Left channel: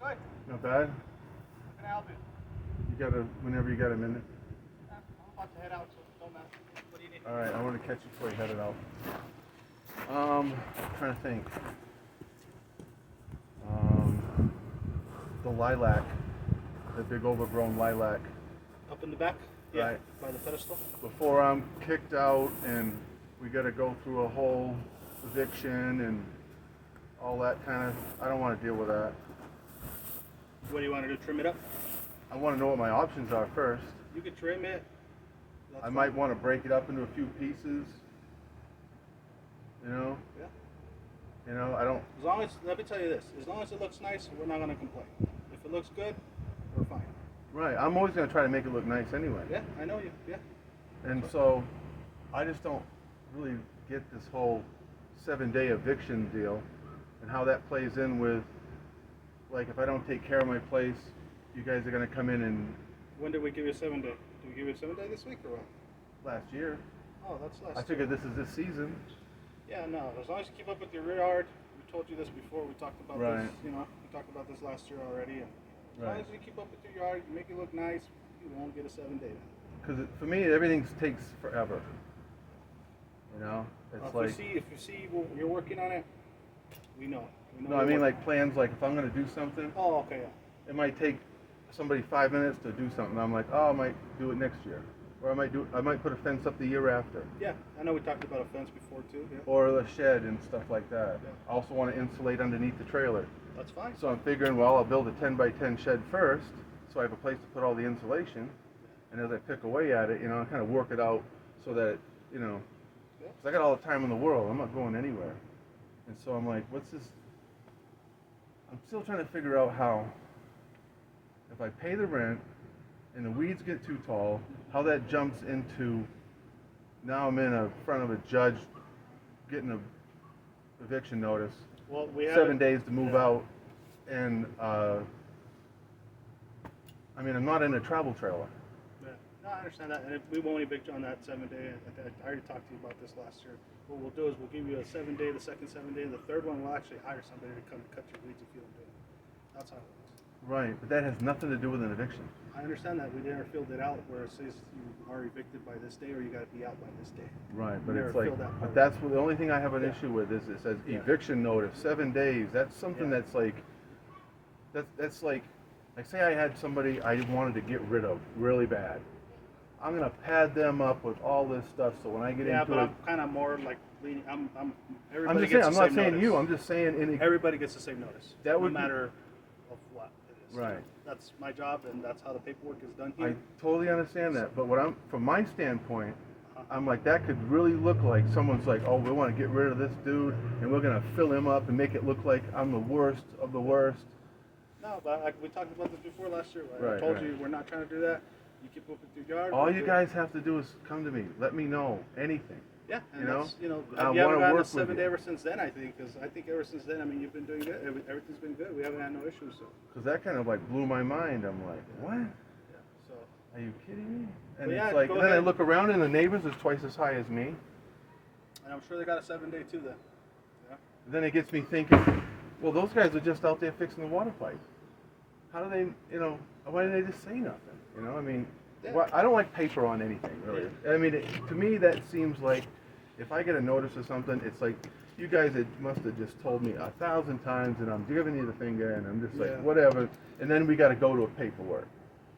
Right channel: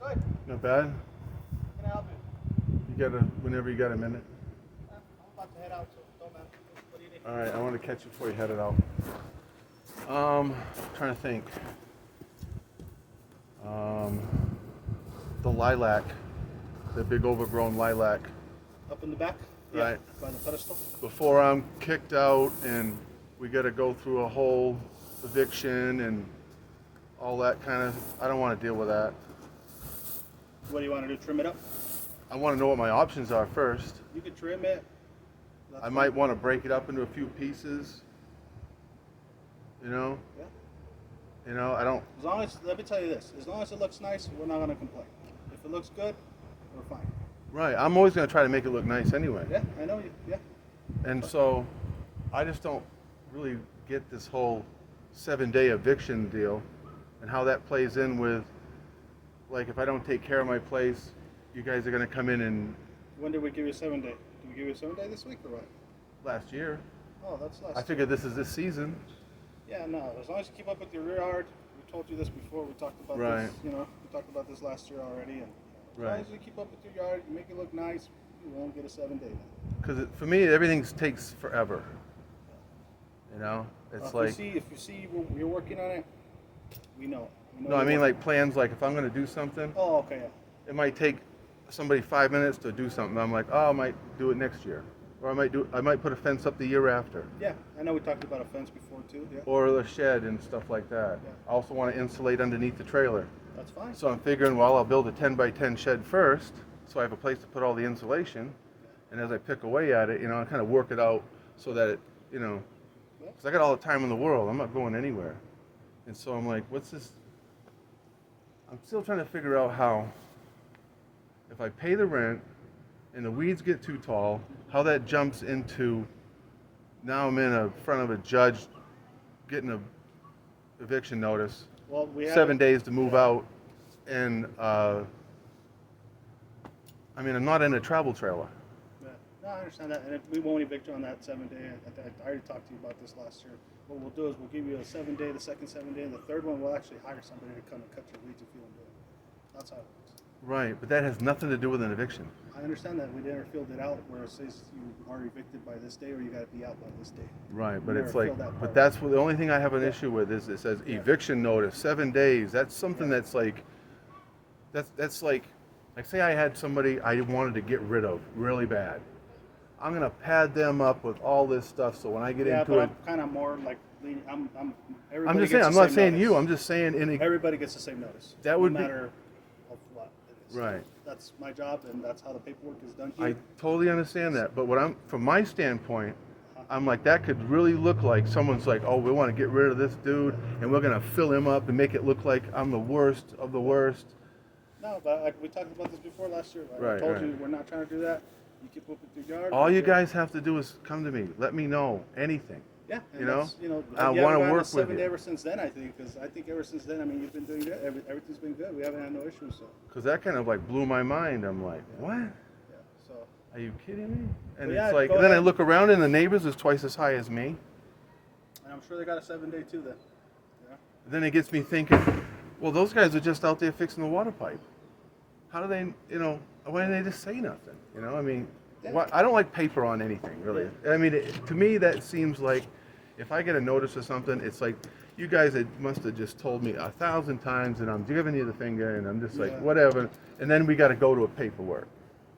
Good. Not bad? Can I help you? Whenever you got a minute. I'm about to head out, so don't matter. What do you need? Alright, I want to catch you before you head it out. Trying to think. The lilac, the big overgrown lilac. Up in the back? Right. By the pedestal? Before I'm kicked out and we got to go through a whole eviction and all that kind of, I don't want to deal with that. What do you want to do? Trim it up? I want to know what my options are first. You can trim it. I might want to break it up into a few pieces. You know? Yeah. You know, I don't. As long as, let me tell you this, as long as it looks nice, we're not going to complain. If it looks good, we're fine. Right. I'm always going to try to make it look nice anyway. Yeah, I know you. Yeah. And so, I just don't really get this whole 7-day eviction deal and how that plays in with, like, if I don't take care of my place, you guys are going to come in and. When did we give you a 7-day? Did we give you a 7-day this week or what? Last year. Oh, that's last I figured this is this season. Yeah, no. As long as you keep up with your rear yard, we told you this before. We talked about Right. this. You know, we talked about this last year already. And as long Right. as you keep up with your yard, you make it look nice, you won't get a 7-day. Because for me, everything takes forever. You know, it's like. If you see you're working on it, we know. No, I mean like plans. Like if I'm going to do something, Oh, okay. Yeah. it might take somebody 5 minutes to do something. I'm like, oh, I might do it next year, or I might put a fence up the year after, Yeah, I know we talked about a fence before too. Yeah. or the shed and stuff like that. I also want to insulate underneath the trailer. That's fine. So I'm figuring, well, I'll build a 10-by-10 shed first, so I have a place to put all the insulation. And as I pick away at it, you know, I kind of work it out so that it, you know, because I got all the time in the world. I'm not going anywhere. And so I'm like, what's this? I'm still trying to figure out how, if I pay the rent and the weeds get too tall, how that jumps into, now I'm in front of a judge getting a eviction notice. Well, we have 7 days to move out, and I mean, I'm not in a travel trailer. Yeah. No, I understand that, and we won't evict you on that 7-day. I already talked to you about this last year. What we'll do is we'll give you a 7-day, the second 7-day, and the third one we'll actually hire somebody to come and cut your weeds if you don't do it. That's how it works. Right, but that has nothing to do with an eviction. I understand that. We never filled it out where it says you are evicted by this day or you got to be out by this day. Right, but We it's never like, filled that but part. that's the only thing I have an issue with is it says eviction notice, 7 days. That's something that's like, that's like say I had somebody I wanted to get rid of really bad. I'm gonna pad them up with all this stuff, so when I get into but it, I'm kind of more like leaning. I'm Everybody just saying, gets I'm the not same saying notice. you, I'm just saying Everybody gets the same notice. That would no be- matter of what it is. Right. That's my job, and that's how the paperwork is done I here. totally understand that, but from my standpoint, I'm like, that could really look like someone's like, oh, we want to get rid of this dude, and we're gonna fill him up and make it look like I'm the worst of the worst. No, but we talked about this before last year. Right? Right, I told right. you we're not trying to do that. You keep up with your yard. All you guys have to do is come to me. Let me know anything. Yeah, and you know, that's, you I you wanna haven't gotten work a with 7-day you. ever since then. I think because ever since then, I mean, you've been doing good. Everything's been good. We haven't had no issues. So. Because that kind of like blew my mind. I'm like, what? Yeah. So. Are you kidding me? And Well, yeah, it's like, go and then I ahead. look around and the neighbors is twice as high as me. And I'm sure they got a 7-day too. Then. Yeah. Then it gets me thinking, well, those guys are just out there fixing the water pipe. How do they, you know, why didn't they just say nothing? You know, I mean, Yeah. I don't like paper on anything, really. I mean, to me, that seems like, if I get a notice or something, it's like, you guys must have just told me 1,000 times, and I'm giving you the finger, and I'm just like, Yeah. whatever. And then we got to go to a paperwork.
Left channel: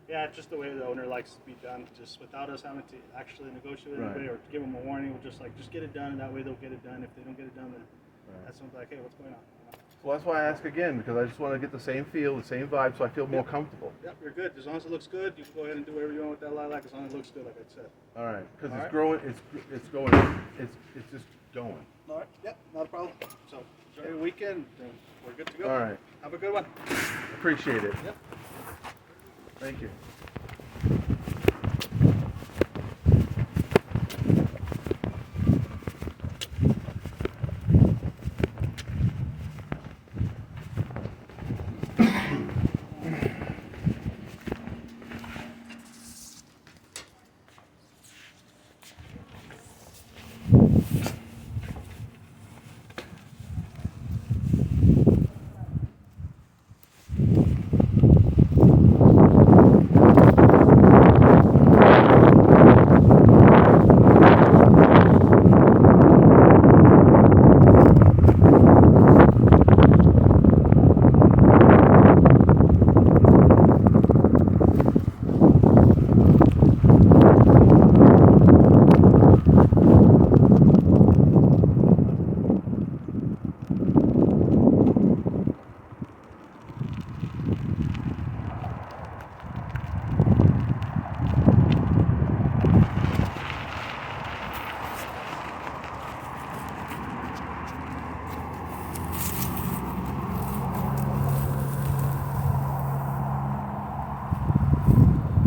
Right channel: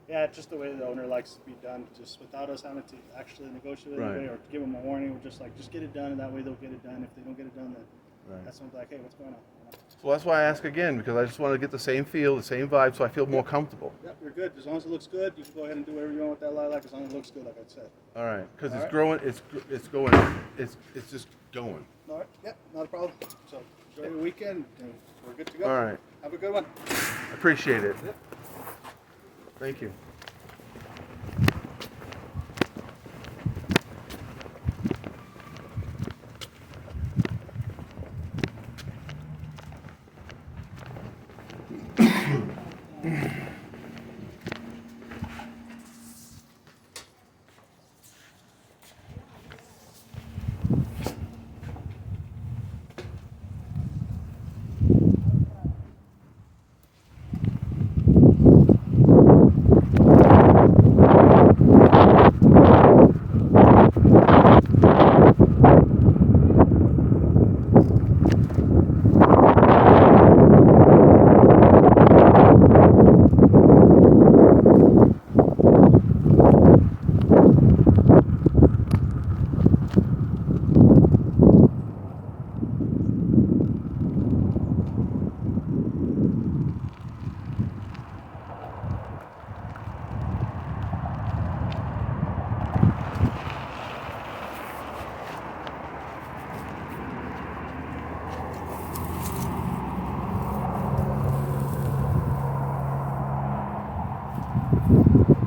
Yeah, it's just the way the owner likes to be done, just without us having to actually negotiate with Right. anybody or give them a warning. We're just like, just get it done, and that way they'll get it done. If they don't get it done, then Right. that's when they're like, hey, what's going on? You know? So that's why I ask again, because I just want to get the same feel, the same vibe, so I feel more comfortable. Yep, you're good. As long as it looks good, you can go ahead and do whatever you want with that lilac. As long as it looks good, like I said. All right, because All it's right. growing, it's going, it's just going. All right. Yep, not a problem. So enjoy your weekend, and we're good to go. All right. Have a good one. Appreciate it. Yep. Thank you. Right.